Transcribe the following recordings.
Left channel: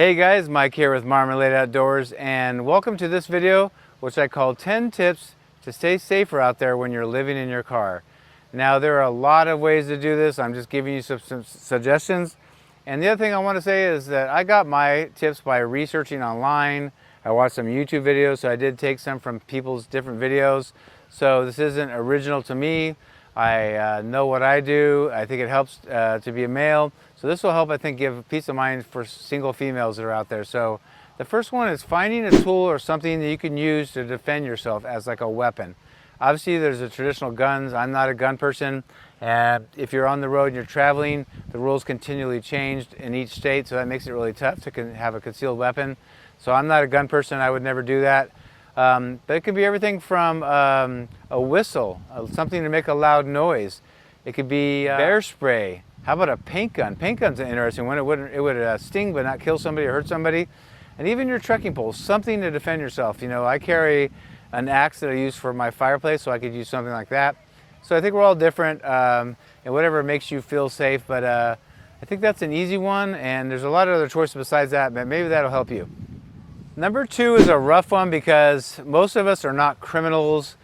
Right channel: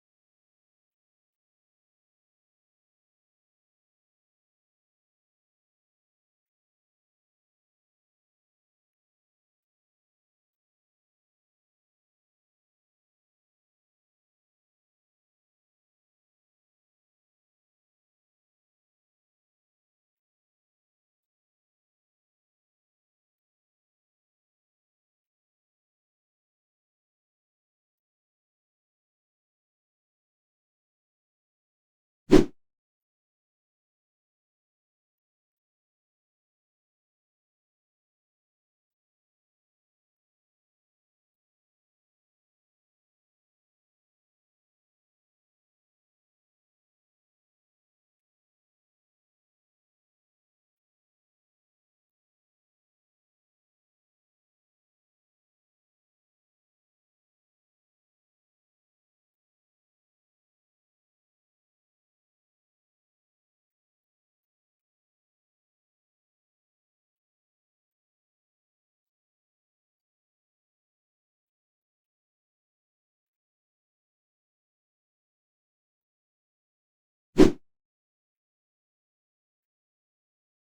Hey guys, Mike here with Marmalade Outdoors, and welcome to this video which I call 10 tips to stay safer out there when you're living in your car. Now there are a lot of ways to do this. I'm just giving you some suggestions. And the other thing I want to say is that I got my tips by researching online. I watched some YouTube videos, so I did take some from people's different videos. So this isn't original to me. I know what I do. I think it helps to be a male. So this will help, I think, give peace of mind for single females that are out there. So the first one is finding a tool or something that you can use to defend yourself as like a weapon. Obviously there's the traditional guns. I'm not a gun person. And if you're on the road and you're traveling, the rules continually changed in each state, so that makes it really tough to have a concealed weapon. So I'm not a gun person. I would never do that. But it could be everything from a whistle, something to make a loud noise. It could be bear spray. How about a paint gun? Paint gun's an interesting one. It would sting but not kill somebody or hurt somebody. And even your trekking pole, something to defend yourself. You know, I carry an axe that I use for my fireplace, so I could use something like that. So I think we're all different, and whatever makes you feel safe. But I think that's an easy one, and there's a lot of other choices besides that, but maybe that'll help you. Number two is a rough one because most of us are not criminals.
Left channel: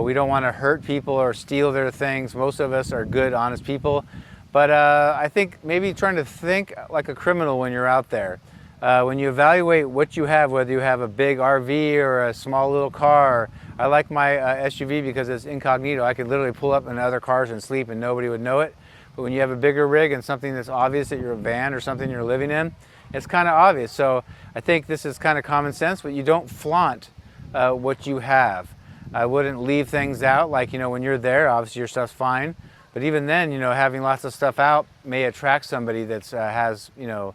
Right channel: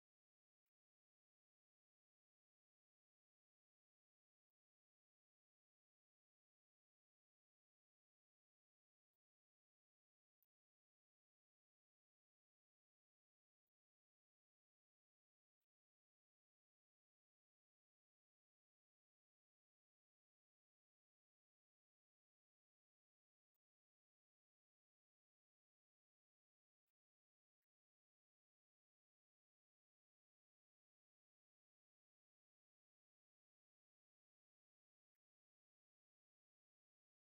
We don't want to hurt people or steal their things. Most of us are good, honest people. But I think maybe trying to think like a criminal when you're out there. When you evaluate what you have, whether you have a big RV or a small little car. I like my SUV because it's incognito. I could literally pull up in other cars and sleep and nobody would know it. But when you have a bigger rig and something that's obvious that you're a van or something you're living in, it's kind of obvious. So I think this is kind of common sense, but you don't flaunt what you have. I wouldn't leave things out, like, you know, when you're there, obviously your stuff's fine. But even then, you know, having lots of stuff out may attract somebody that has, you know,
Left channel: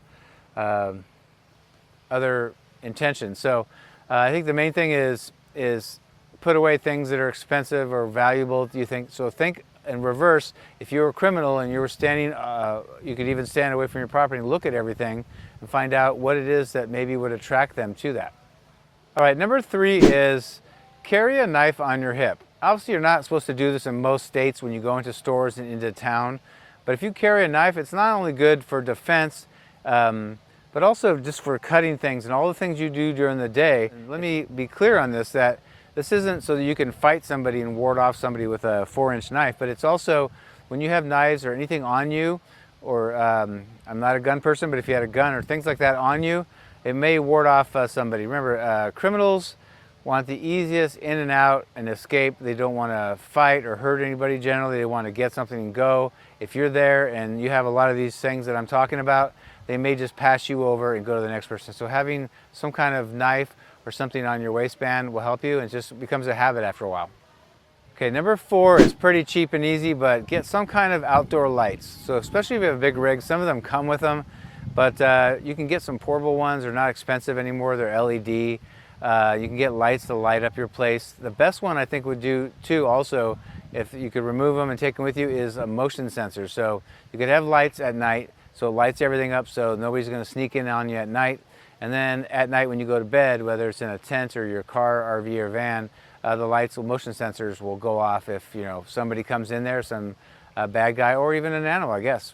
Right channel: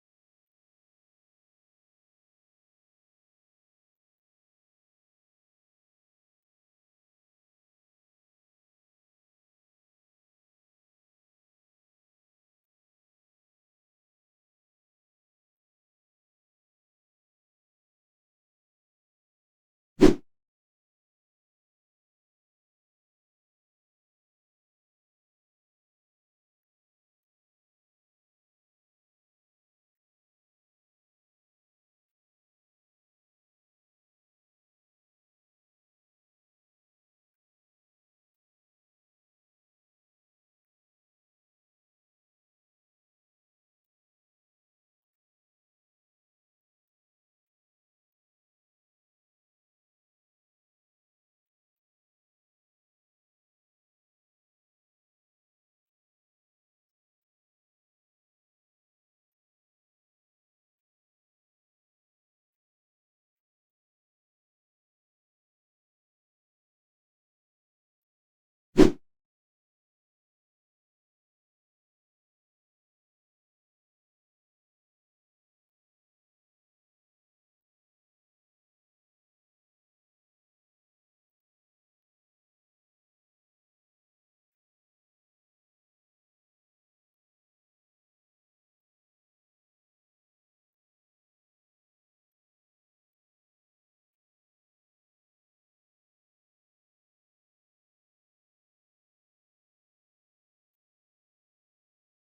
other intentions. So I think the main thing is put away things that are expensive or valuable, do you think? So think in reverse. If you were a criminal and you were standing, you could even stand away from your property and look at everything and find out what it is that maybe would attract them to that. All right, number three is carry a knife on your hip. Obviously, you're not supposed to do this in most states when you go into stores and into town. But if you carry a knife, it's not only good for defense, but also just for cutting things and all the things you do during the day. And let me be clear on this, that this isn't so that you can fight somebody and ward off somebody with a 4-inch knife, but it's also when you have knives or anything on you, or I'm not a gun person, but if you had a gun or things like that on you, it may ward off somebody. Remember, criminals want the easiest in and out and escape. They don't want to fight or hurt anybody generally. They want to get something and go. If you're there and you have a lot of these things that I'm talking about, they may just pass you over and go to the next person. So having some kind of knife or something on your waistband will help you, and it just becomes a habit after a while. Okay, number four is pretty cheap and easy, but get some kind of outdoor lights. So especially if you have a big rig, some of them come with them, but you can get some portable ones. They're not expensive anymore. They're LED. You can get lights to light up your place. The best one I think would do too also, if you could remove them and take them with you, is a motion sensor. So you could have lights at night, so it lights everything up so nobody's going to sneak in on you at night. And then at night when you go to bed, whether it's in a tent or your car, RV, or van, the lights, motion sensors will go off if, you know, somebody comes in there, some bad guy, or even an animal, I guess.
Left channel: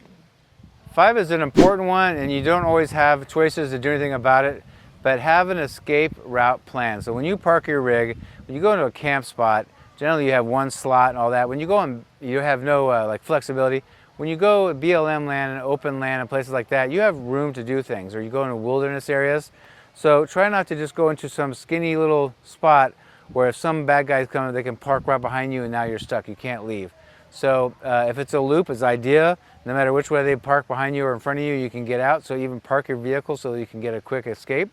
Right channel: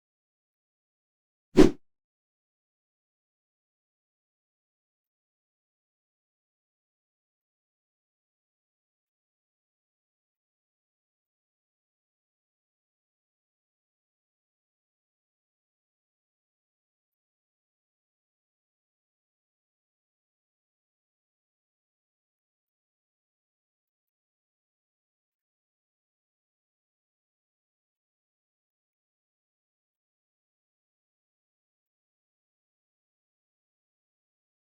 5 is an important one, and you don't always have choices to do anything about it, but have an escape route plan. So when you park your rig, when you go into a camp spot, generally you have one slot and all that. When you go on, you have no like flexibility. When you go BLM land and open land and places like that, you have room to do things, or you go into wilderness areas. So try not to just go into some skinny little spot where if some bad guys come, they can park right behind you and now you're stuck, you can't leave. So if it's a loop, it's ideal. No matter which way they park behind you or in front of you, you can get out. So even park your vehicle so that you can get a quick escape.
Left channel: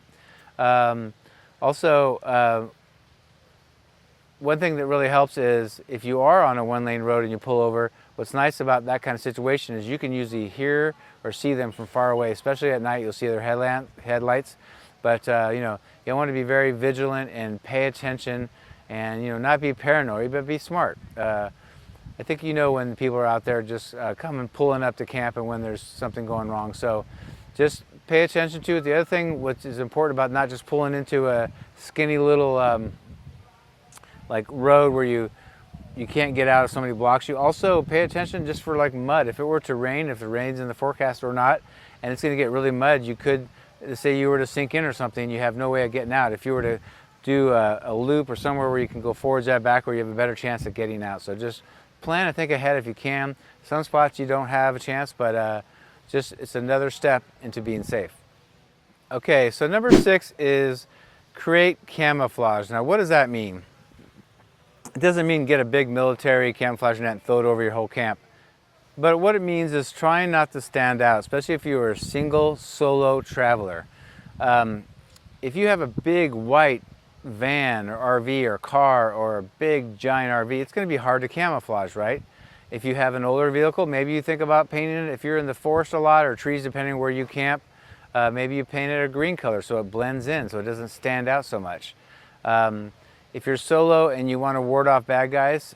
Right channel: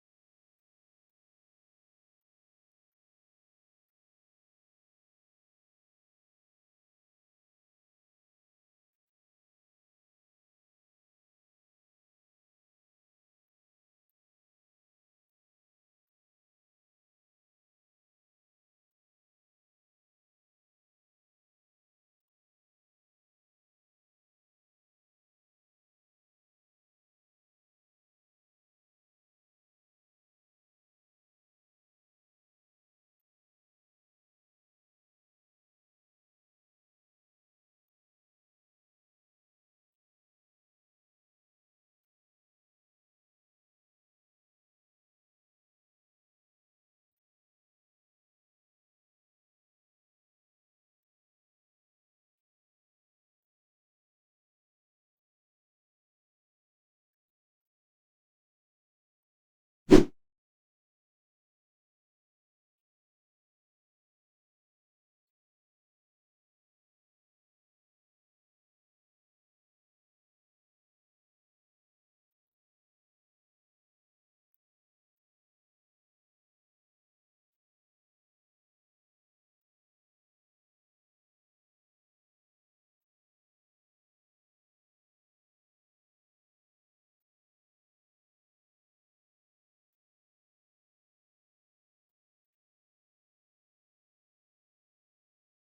Also, one thing that really helps is if you are on a one-lane road and you pull over, what's nice about that kind of situation is you can usually hear or see them from far away, especially at night. You'll see their headlights. But you know, you want to be very vigilant and pay attention, and, you know, not be paranoid, but be smart. I think you know when people are out there just coming, pulling up to camp, and when there's something going wrong. So just pay attention to it. The other thing which is important about not just pulling into a skinny little like road where you can't get out if somebody blocks you. Also pay attention just for like mud. If it were to rain, if the rain's in the forecast or not, and it's going to get really mud, you could say you were to sink in or something, you have no way of getting out. If you were to do a loop or somewhere where you can go forwards and back, where you have a better chance of getting out. So just plan and think ahead if you can. Some spots you don't have a chance, but just it's another step into being safe. Okay, so number 6 is create camouflage. Now, what does that mean? It doesn't mean get a big military camouflage net and throw it over your whole camp. But what it means is trying not to stand out, especially if you're a single solo traveler. If you have a big white van or RV or car or a big giant RV, it's going to be hard to camouflage, right? If you have an older vehicle, maybe you think about painting it. If you're in the forest a lot or trees, depending where you camp, maybe you paint it a green color so it blends in, so it doesn't stand out so much. If you're solo and you want to ward off bad guys,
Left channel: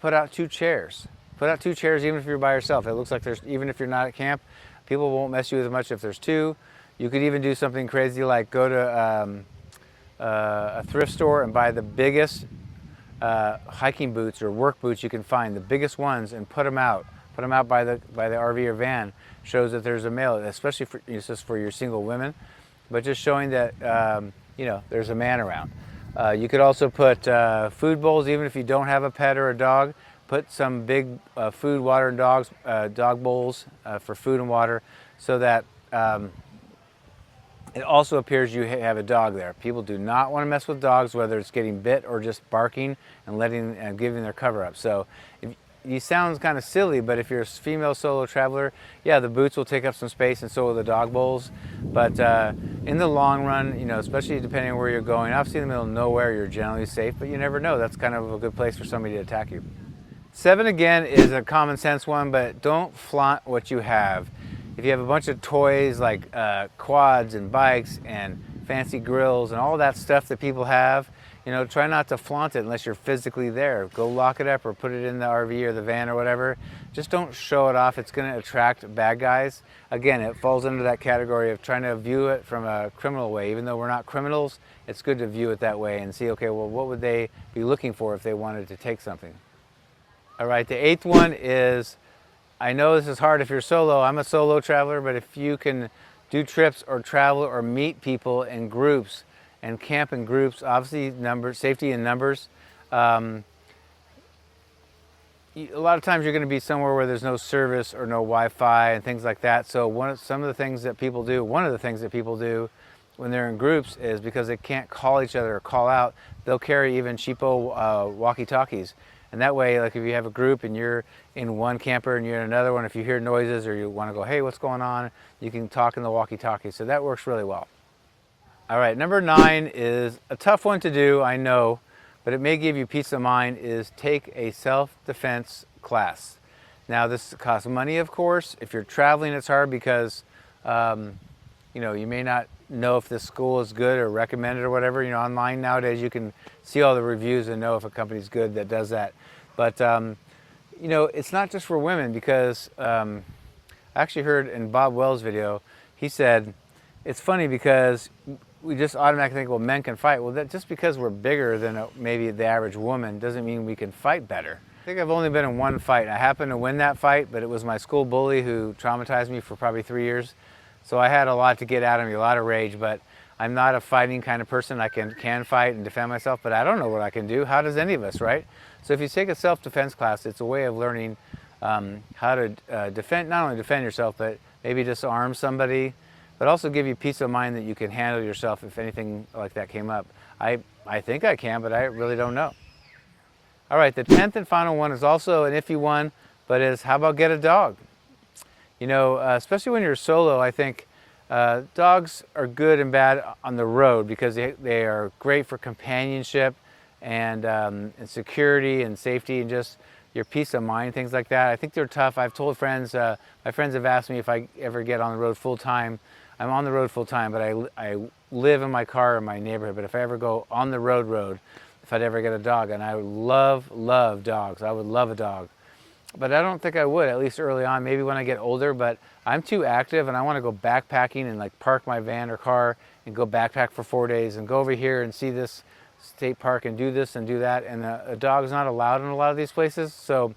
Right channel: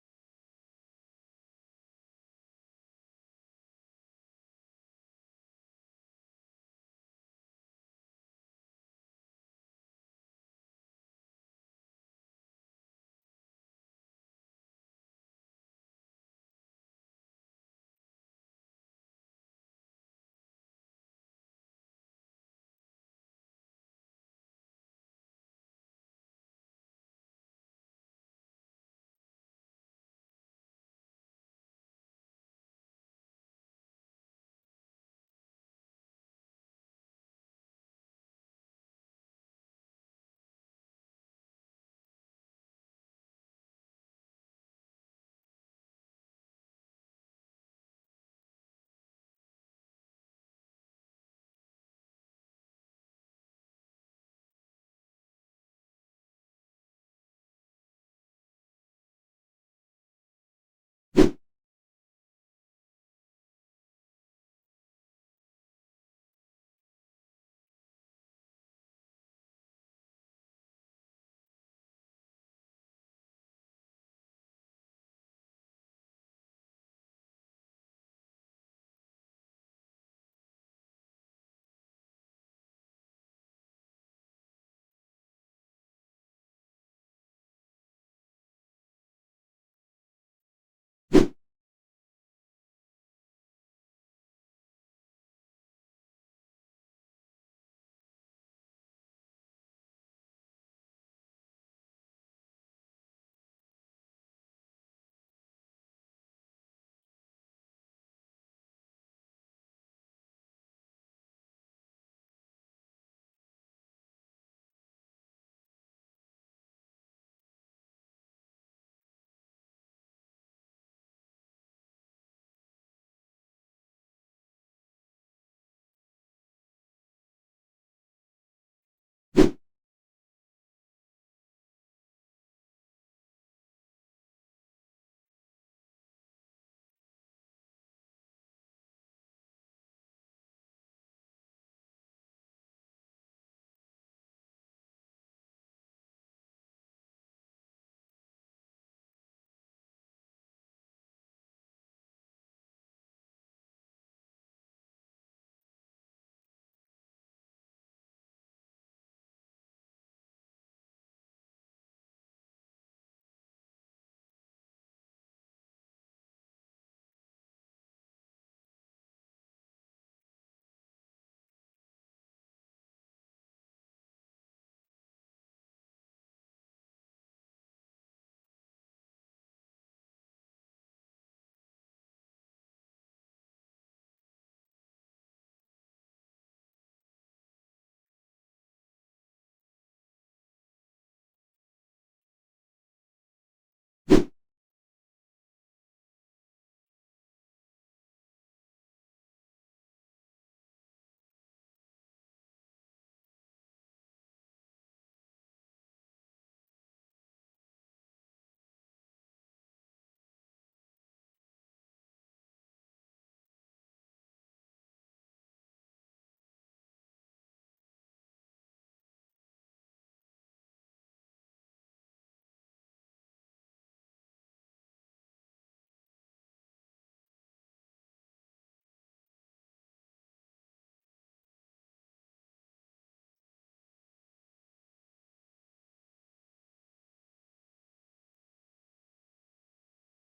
put out 2 chairs. Put out 2 chairs even if you're by yourself. It looks like even if you're not at camp, people won't mess you with as much if there's 2. You could even do something crazy like go to a thrift store and buy the biggest hiking boots or work boots you can find, the biggest ones, and put them out. Put them out by the RV or van. Shows that there's a male, especially for, just for your single women, but just showing that there's a man around. You could also put food bowls, even if you don't have a pet or a dog. Put some big food, water, and dog bowls for food and water, so that it also appears you have a dog there. People do not want to mess with dogs, whether it's getting bit or just barking and giving their cover up. So you sound kind of silly, but if you're a female solo traveler, yeah, the boots will take up some space, and so will the dog bowls. But in the long run, especially depending on where you're going, obviously in the middle of nowhere, you're generally safe, but you never know. That's kind of a good place for somebody to attack you. 7, again, is a common sense one, but don't flaunt what you have. If you have a bunch of toys like quads and bikes and fancy grills and all that stuff that people have, try not to flaunt it unless you're physically there. Go lock it up or put it in the RV or the van or whatever. Just don't show it off. It's going to attract bad guys. Again, it falls under that category of trying to view it from a criminal way. Even though we're not criminals, it's good to view it that way and see, okay, well, what would they be looking for if they wanted to take something? All right, the 8th one is, I know this is hard if you're solo. I'm a solo traveler, but if you can do trips or travel or meet people in groups and camp in groups, obviously safety in numbers. A lot of times you're going to be somewhere where there's no service or no Wi-Fi and things like that. So one of the things that people do when they're in groups is, because they can't call each other or call out, they'll carry even cheapo walkie-talkies. And that way, like if you have a group and you're in one camper and you're in another one, if you hear noises or you want to go, hey, what's going on? You can talk in the walkie-talkie. So that works really well. All right, number 9 is a tough one to do, I know, but it may give you peace of mind, is take a self-defense class. Now, this costs money, of course. If you're traveling, it's hard because, you may not know if this school is good or recommended or whatever. Online nowadays you can see all the reviews and know if a company's good that does that. But it's not just for women, because I actually heard in Bob Wells' video, he said it's funny because we just automatically think, well, men can fight. Well, just because we're bigger than maybe the average woman doesn't mean we can fight better. I think I've only been in one fight. I happened to win that fight, but it was my school bully who traumatized me for probably 3 years. So I had a lot to get out of me, a lot of rage, but I'm not a fighting kind of person. I can fight and defend myself, but I don't know what I can do. How does any of us, right? So if you take a self-defense class, it's a way of learning how to not only defend yourself, but maybe disarm somebody, but also give you peace of mind that you can handle yourself if anything like that came up. I think I can, but I really don't know. All right, the 10th and final one is also an iffy one, but is how about get a dog? Especially when you're solo, I think dogs are good and bad on the road because they are great for companionship and security and safety and just your peace of mind, things like that. I think they're tough. I've told friends, my friends have asked me if I ever get on the road full time. I'm on the road full time, but I live in my car in my neighborhood. But if I ever go on the road, if I'd ever get a dog, and I would love dogs. I would love a dog. But I don't think I would, at least early on, maybe when I get older, but I'm too active and I want to go backpacking and like park my van or car and go backpack for 4 days and go over here and see this state park and do this and do that. And a dog's not allowed in a lot of these places, so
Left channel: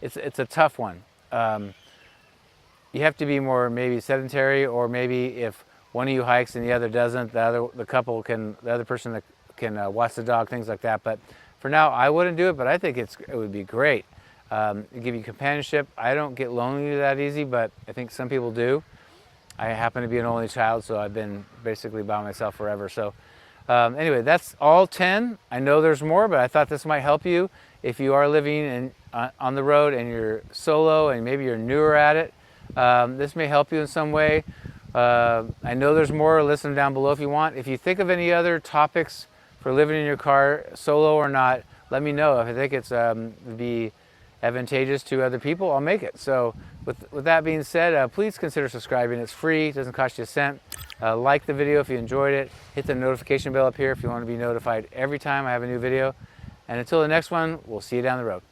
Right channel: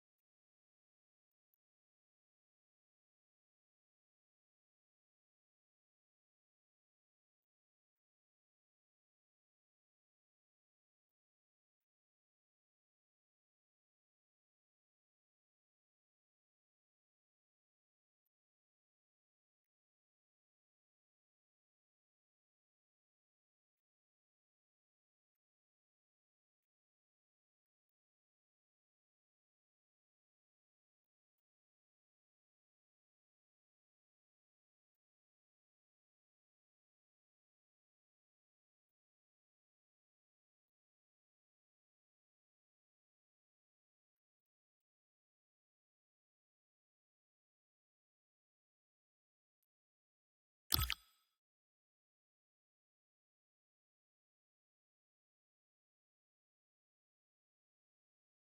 it's a tough one. You have to be more maybe sedentary, or maybe if one of you hikes and the other doesn't, the other person that can watch the dog, things like that. But for now, I wouldn't do it, but I think it would be great. It give you companionship. I don't get lonely that easy, but I think some people do. I happen to be an only child, so I've been basically by myself forever. So anyway, that's all 10. I know there's more, but I thought this might help you if you are living on the road and you're solo and maybe you're newer at it. This may help you in some way. I know there's more. Listen down below if you want. If you think of any other topics for living in your car, solo or not, let me know. If I think it's be advantageous to other people, I'll make it. So with that being said, please consider subscribing. It's free, it doesn't cost you a cent. Like the video if you enjoyed it. Hit the notification bell up here if you want to be notified every time I have a new video. And until the next one, we'll see you down the road.